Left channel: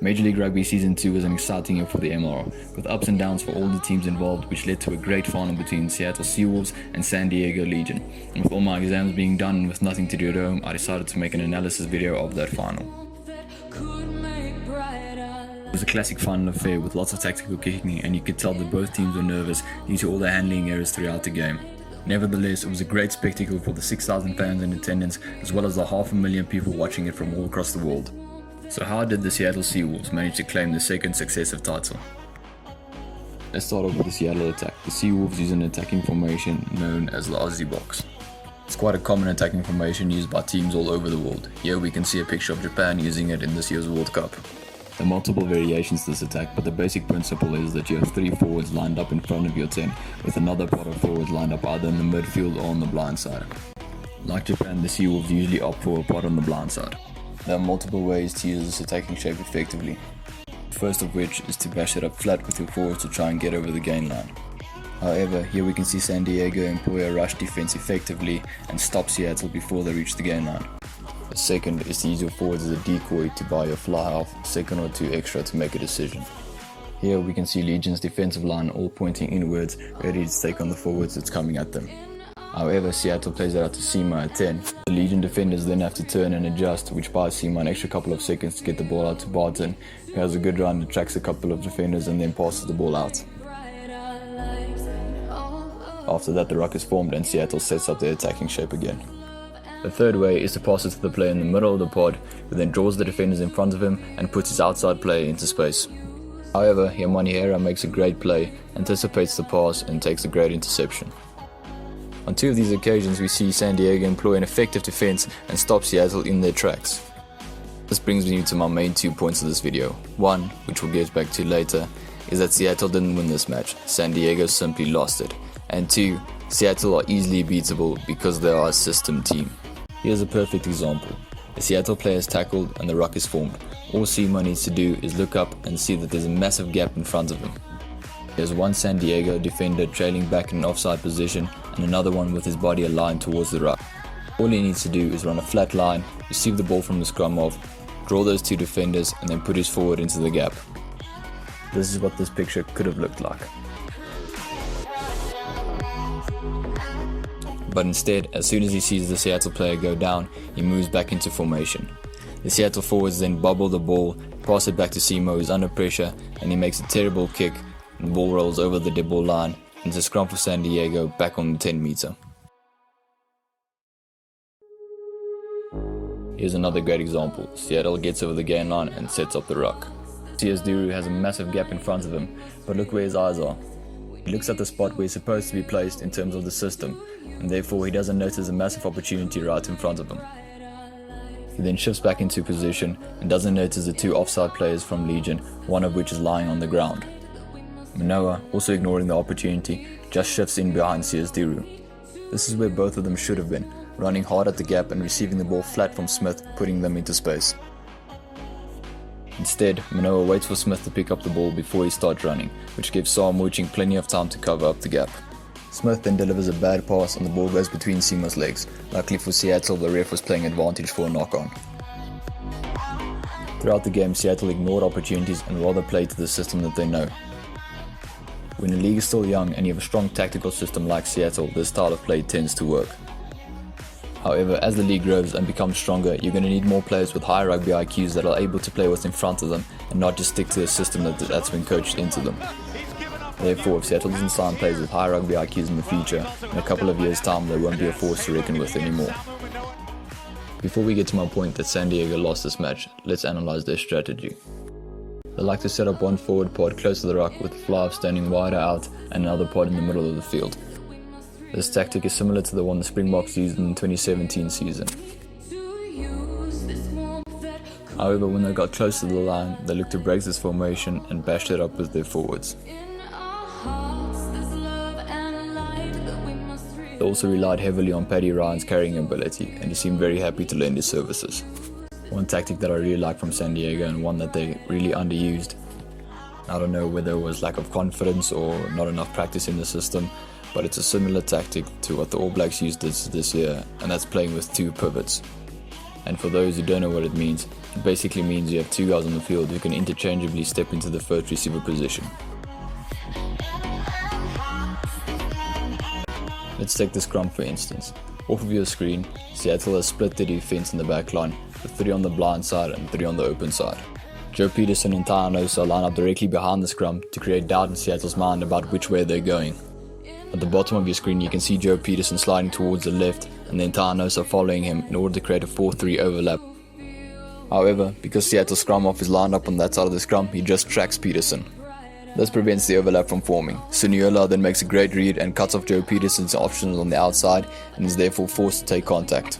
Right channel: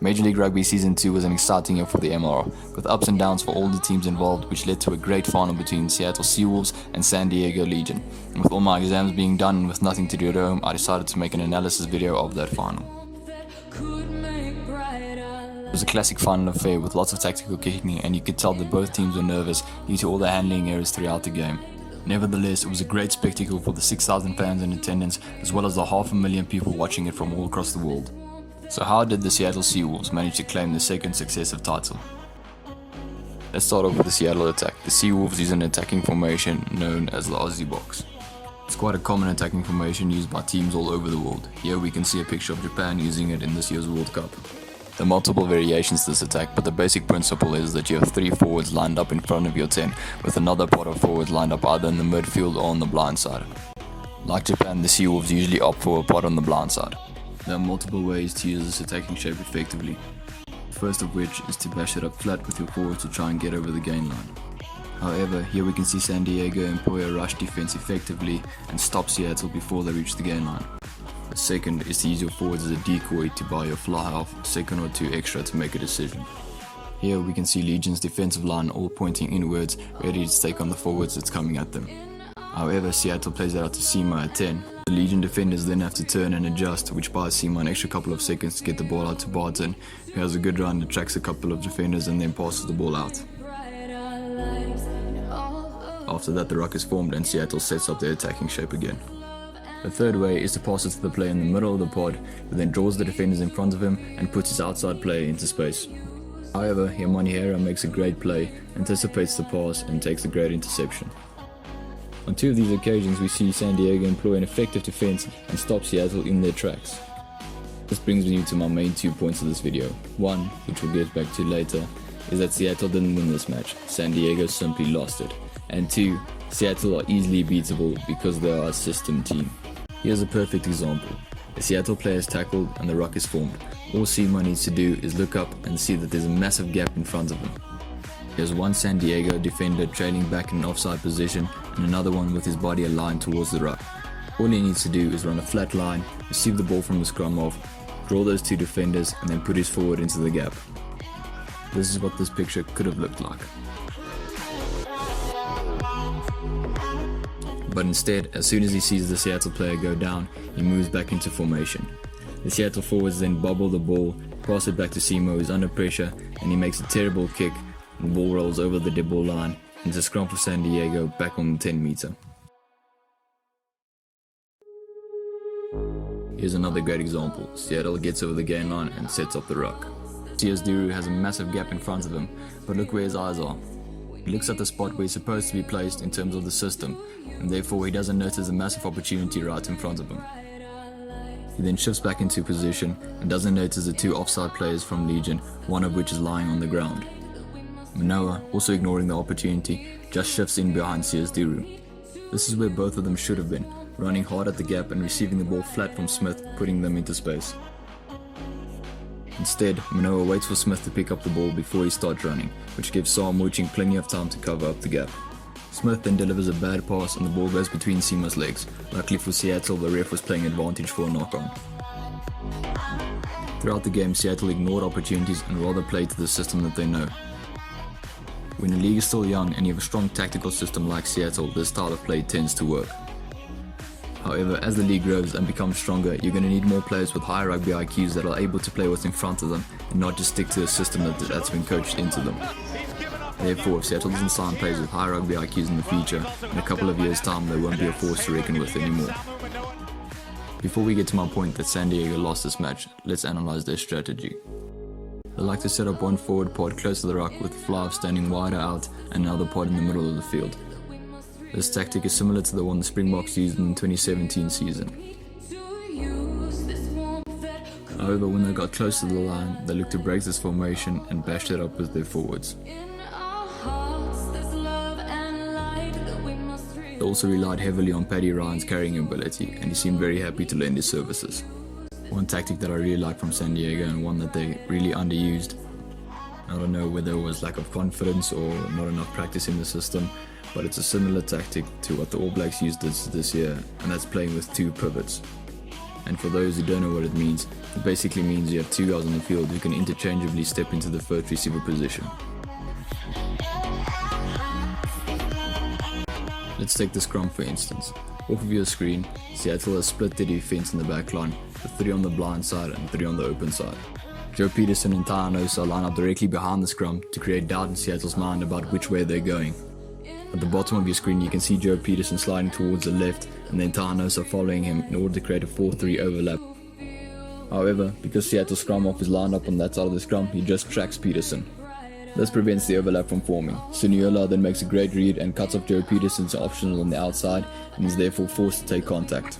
Major League Rugby Season 2 was an exciting year for the MRR, with ups and downs for all the teams involved, which led to a great final between Seattle Seawolves and San Diego Legion. And with all my exams being done and with nothing to do at home, I decided to make an analysis video of that final. It was a classic final affair with lots of tactical kicking, and you could tell that both teams were nervous due to all the handling errors throughout the game. Nevertheless, it was a great spectacle for the 6,000 fans in attendance, as well as the 500,000 people watching it from all across the world. So how did the Seattle Seawolves manage to claim the second successive title? Let's start off with the Seattle attack. The Seawolves use an attacking formation known as the Aussie box. It's quite a common attacking formation used by teams all over the world. Here we can see a picture of Japan using it in this year's World Cup. There are multiple variations to this attack, but the basic principle is that you have 3 forwards lined up in front of your 10, with another pot of forwards lined up either in the midfield or on the blind side. Like Japan, the Seawolves usually opt for a pot on the blind side. There are multiple ways to use this attacking shape effectively. The first of which is to bash it up flat with your forwards to try and get over the gain line. However, here we can see San Diego employ a rush defense effectively and stop Seattle before they reach the gain line. The second is to use your forwards as a decoy to buy your fly half a second or 2 extra to make a decision. Here we can see Legion's defensive line all pointing inwards, ready to take on the forwards that's coming at them. However, Seattle plays it out to Sema at 10. The Legion defenders then have to turn and adjust, which buys Sema an extra couple of seconds to get the ball out to Barton, who has a good run, attracts a couple of defenders and then passes the ball out. After that, the ruck is formed and Seattle sets up their attacking shape again. The third way is to pass it to the player in the middle of the pod, who then draws the defenders in front of him and puts his outside player into space. However, here Manihera makes a great play, anticipates the pass and takes a great interception. On 2 of these occasions, we see San Diego employ an effective defense and stop Seattle in their tracks. This brings me to my main 2 points of this video. One, which we'll get back to later, is that Seattle didn't win this match, San Diego simply lost it. And 2, Seattle are easily beatable because they are a system team. Here's a perfect example. The Seattle player is tackled and the ruck is formed. All Sema needs to do is look up and see that there's a massive gap in front of him. There's one San Diego defender trailing back in an offside position and another one with his body aligned towards the ruck. All he needs to do is run a flat line, receive the ball from the scrum off, draw those 2 defenders and then put his forward into the gap. This is what this picture could have looked like. But instead, as soon as he sees the Seattle player go down, he moves back into formation. The Seattle forwards then bobble the ball, pass it back to Sema, who's under pressure, and he makes a terrible kick. The ball rolls over the dead ball line into scrum for San Diego back on the 10 meter. Here's another great example. Seattle gets over the gain line and sets up the ruck. T.S. Duru has a massive gap in front of him, but look where his eyes are. He looks at the spot where he's supposed to be placed in terms of the system, and therefore he doesn't notice a massive opportunity right in front of him. He then shifts back into position and doesn't notice the 2 offside players from Legion, one of which is lying on the ground. Manoa, also ignoring the opportunity, just shifts in behind CS Duru. This is where both of them should have been, running hard at the gap and receiving the ball flat from Smith, putting them into space. Instead, Manoa waits for Smith to pick up the ball before he starts running, which gives Sam Mooching plenty of time to cover up the gap. Smith then delivers a bad pass and the ball goes between Sema's legs. Luckily for Seattle, the ref was playing advantage for a knock-on. Throughout the game, Seattle ignored opportunities and rather played to the system that they know. When the league is still young and you have a strong tactical system like Seattle, this style of play tends to work. However, as the league grows and becomes stronger, you're going to need more players with high rugby IQs that are able to play what's in front of them and not just stick to a system that's been coached into them. Therefore, if Seattle doesn't sign players with high rugby IQs in the future, in a couple of years' time they won't be a force to reckon with anymore. Before we get to my point that San Diego lost this match, let's analyze their strategy. They like to set up one forward pod close to the ruck with the fly standing wider out and another pod in the middle of the field. This tactic is similar to the one the Springboks used in the 2017 season. However, when they got close to the line, they looked to break this formation and bashed it up with their forwards. They also relied heavily on Paddy Ryan's carrying ability, and he seemed very happy to lend his services. One tactic that I really like from San Diego, and one that they really underused, I don't know whether it was lack of confidence or not enough practice in the system, but it's a similar tactic to what the All Blacks used this year, and that's playing with 2 pivots. And for those who don't know what it means, It basically means you have two guys on the field who can interchangeably step into the first receiver position. Let's take the scrum for instance. Off of your screen, Seattle has split their defense in the back line with 3 on the blind side and 3 on the open side. Joe Peterson and Taanosa line up directly behind the scrum to create doubt in Seattle's mind about which way they're going. At the bottom of your screen you can see Joe Peterson sliding towards the left and then Taanosa following him in order to create a 4-3 overlap. However, because Seattle's scrum off is lined up on that side of the scrum, he just tracks Peterson. This prevents the overlap from forming. Suniola then makes a great read and cuts off Joe Peterson's options on the outside and is therefore forced to take contact.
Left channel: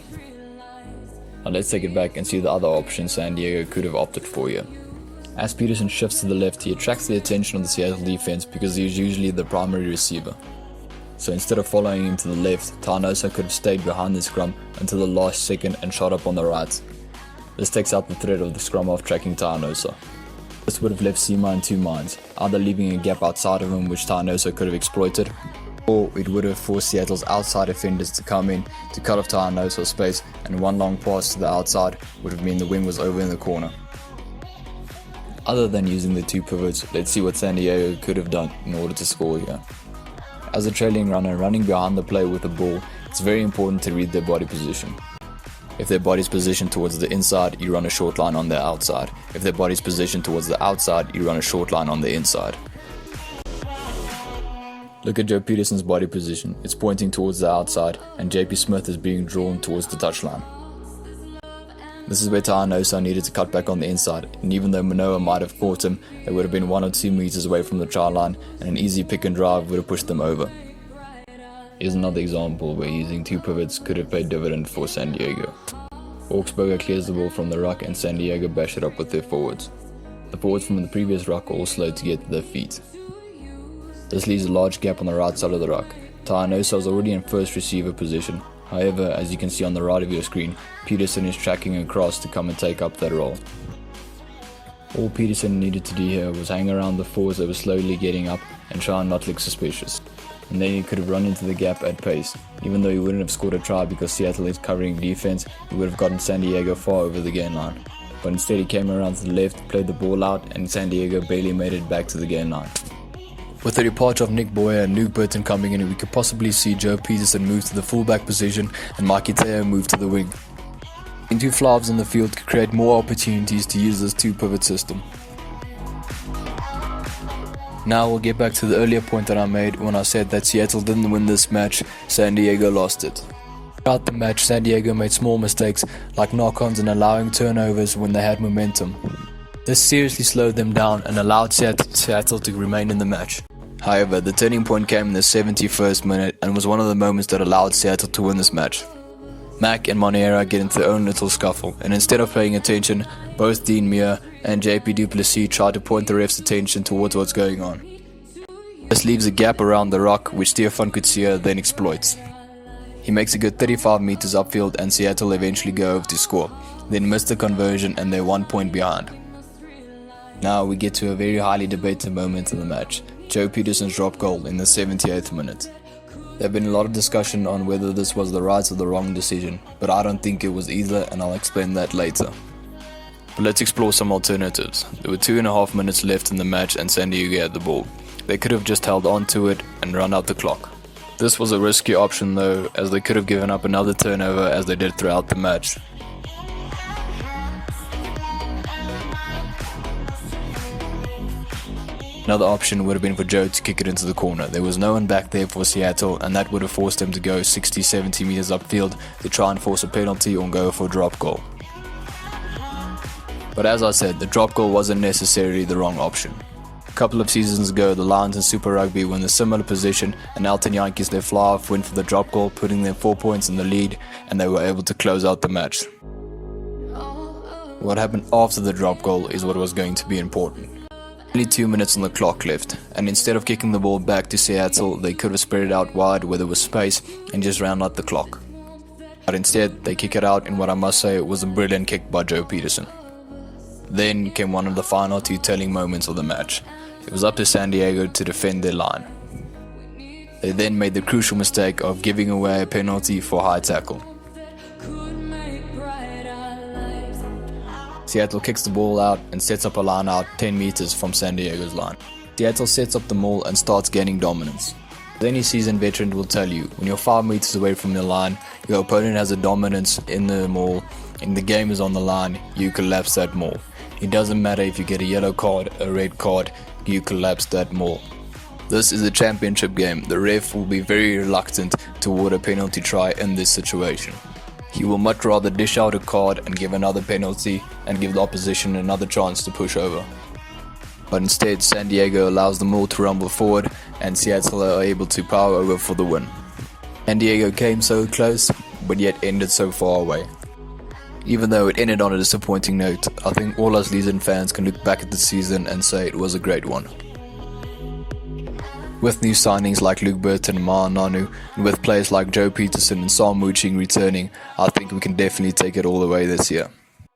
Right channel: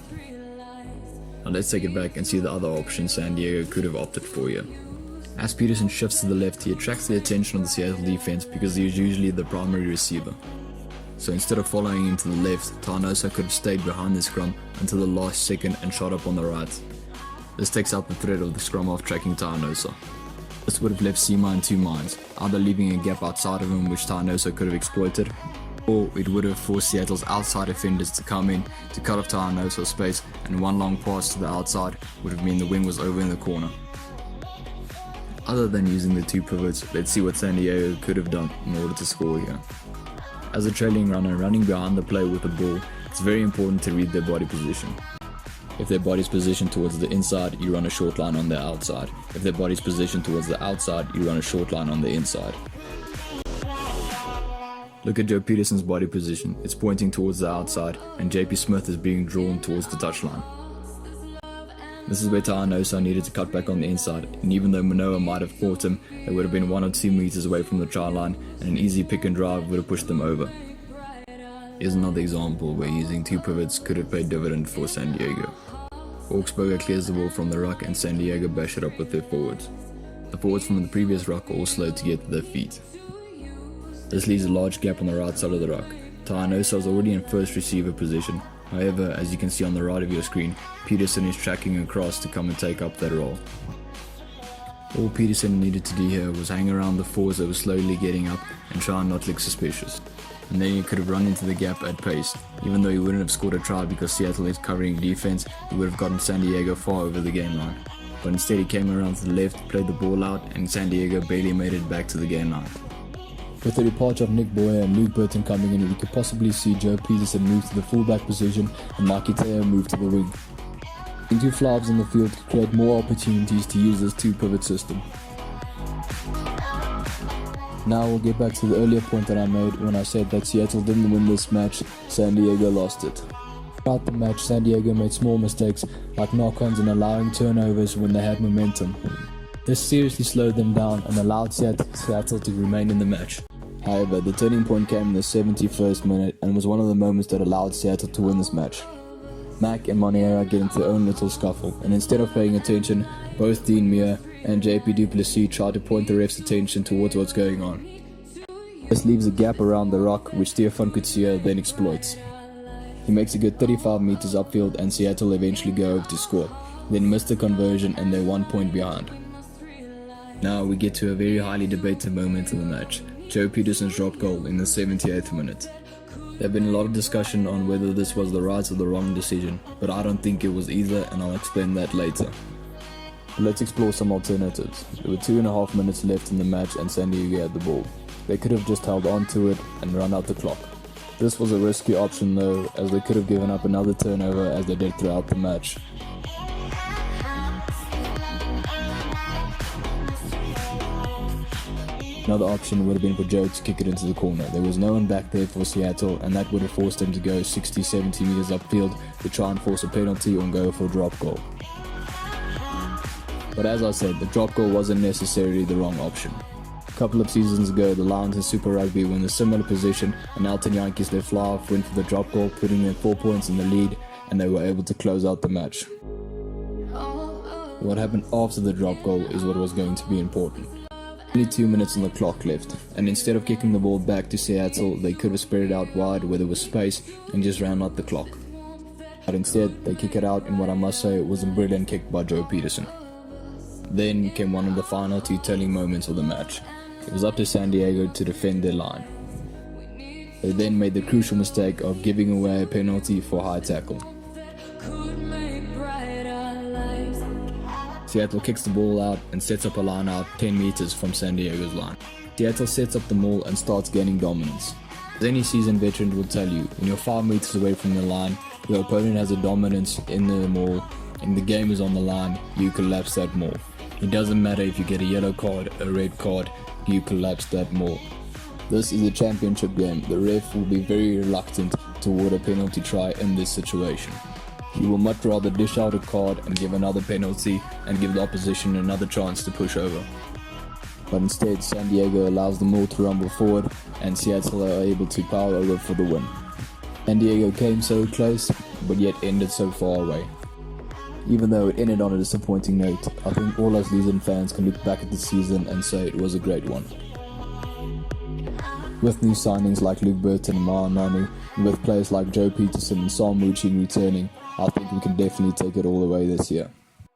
Now let's take it back and see the other options San Diego could have opted for here. As Peterson shifts to the left, he attracts the attention of the Seattle defense because he is usually the primary receiver. So instead of following him to the left, Taanosa could have stayed behind the scrum until the last second and shot up on the right. This takes out the threat of the scrum off tracking Taanosa. This would have left Sema in two minds, either leaving a gap outside of him which Taanosa could have exploited, or it would have forced Seattle's outside defenders to come in to cut off Taanosa's space, and one long pass to the outside would have meant the wing was over in the corner. Other than using the two pivots, let's see what San Diego could have done in order to score here. As a trailing runner running behind the play with the ball, it's very important to read their body position. If their body's positioned towards the inside, you run a short line on the outside. If their body's positioned towards the outside, you run a short line on the inside. Look at Joe Peterson's body position. It's pointing towards the outside and JP Smith is being drawn towards the touchline. This is where Taanosa needed to cut back on the inside, and even though Manoa might have caught him, they would have been 1 or 2 meters away from the try line and an easy pick and drive would have pushed them over. Here's another example where using two pivots could have paid dividend for San Diego. Augsburger clears the ball from the ruck and San Diego bash it up with their forwards. The forwards from the previous ruck are all slow to get to their feet. This leaves a large gap on the right side of the ruck. Taanosa was already in first receiver position. However, as you can see on the right of your screen, Peterson is tracking across to come and take up that role. All Peterson needed to do here was hang around the forwards that were slowly getting up and try and not look suspicious. And then he could have run into the gap at pace. Even though he wouldn't have scored a try because Seattle is covering defense, he would have gotten San Diego far over the gain line. But instead he came around to the left, played the ball out, and San Diego barely made it back to the gain line. With the departure of Nick Boyer and Luke Burton coming in, we could possibly see Joe Peterson move to the fullback position and Mikey Teo move to the wing. Two flyhalves on the field could create more opportunities to use this two-pivot system. Now we'll get back to the earlier point that I made when I said that Seattle didn't win this match, San Diego lost it. Throughout the match, San Diego made small mistakes like knock-ons and allowing turnovers when they had momentum. This seriously slowed them down and allowed Seattle to remain in the match. However, the turning point came in the 71st minute and was one of the moments that allowed Seattle to win this match. Mack and Monera get into their own little scuffle, and instead of paying attention, both Dean Muir and JP Duplessis try to point the ref's attention towards what's going on. This leaves a gap around the rock which Stefan Kutsia then exploits. He makes a good 35 meters upfield and Seattle eventually go over to score, then miss the conversion and they're 1 point behind. Now we get to a very highly debated moment in the match, Joe Peterson's drop goal in the 78th minute. There have been a lot of discussion on whether this was the right or the wrong decision, but I don't think it was either and I'll explain that later. But let's explore some alternatives. There were 2.5 minutes left in the match and San Diego had the ball. They could have just held on to it and run out the clock. This was a risky option though, as they could have given up another turnover as they did throughout the match. Another option would have been for Joe to kick it into the corner. There was no one back there for Seattle and that would have forced him to go 60-70 meters upfield to try and force a penalty or go for a drop goal. But as I said, the drop goal wasn't necessarily the wrong option. A couple of seasons ago, the Lions in Super Rugby were in a similar position and Elton Yankees, their fly-off, went for the drop goal, putting them 4 points in the lead and they were able to close out the match. What happened after the drop goal is what was going to be important. Only 2 minutes on the clock left, and instead of kicking the ball back to Seattle, they could have spread it out wide where there was space and just round out the clock. But instead, they kick it out in what I must say was a brilliant kick by Joe Peterson. Then came one of the final 2 telling moments of the match. It was up to San Diego to defend their line. They then made the crucial mistake of giving away a penalty for high tackle. Seattle kicks the ball out and sets up a line out 10 meters from San Diego's line. Seattle sets up the maul and starts gaining dominance. As any seasoned veteran will tell you, when you're 5 meters away from the line, your opponent has a dominance in the maul, and the game is on the line, you collapse that maul. It doesn't matter if you get a yellow card, a red card, you collapse that maul. This is a championship game. The ref will be very reluctant to award a penalty try in this situation. He will much rather dish out a card and give another penalty and give the opposition another chance to push over. But instead, San Diego allows the maul to rumble forward and Seattle are able to power over for the win. San Diego came so close, but yet ended so far away. Even though it ended on a disappointing note, I think all us Legion fans can look back at the season and say it was a great one. With new signings like Luke Burton and Ma'a Nonu, and with players like Joe Peterson and Sam Mooching returning, I think we can definitely take it all the way this year.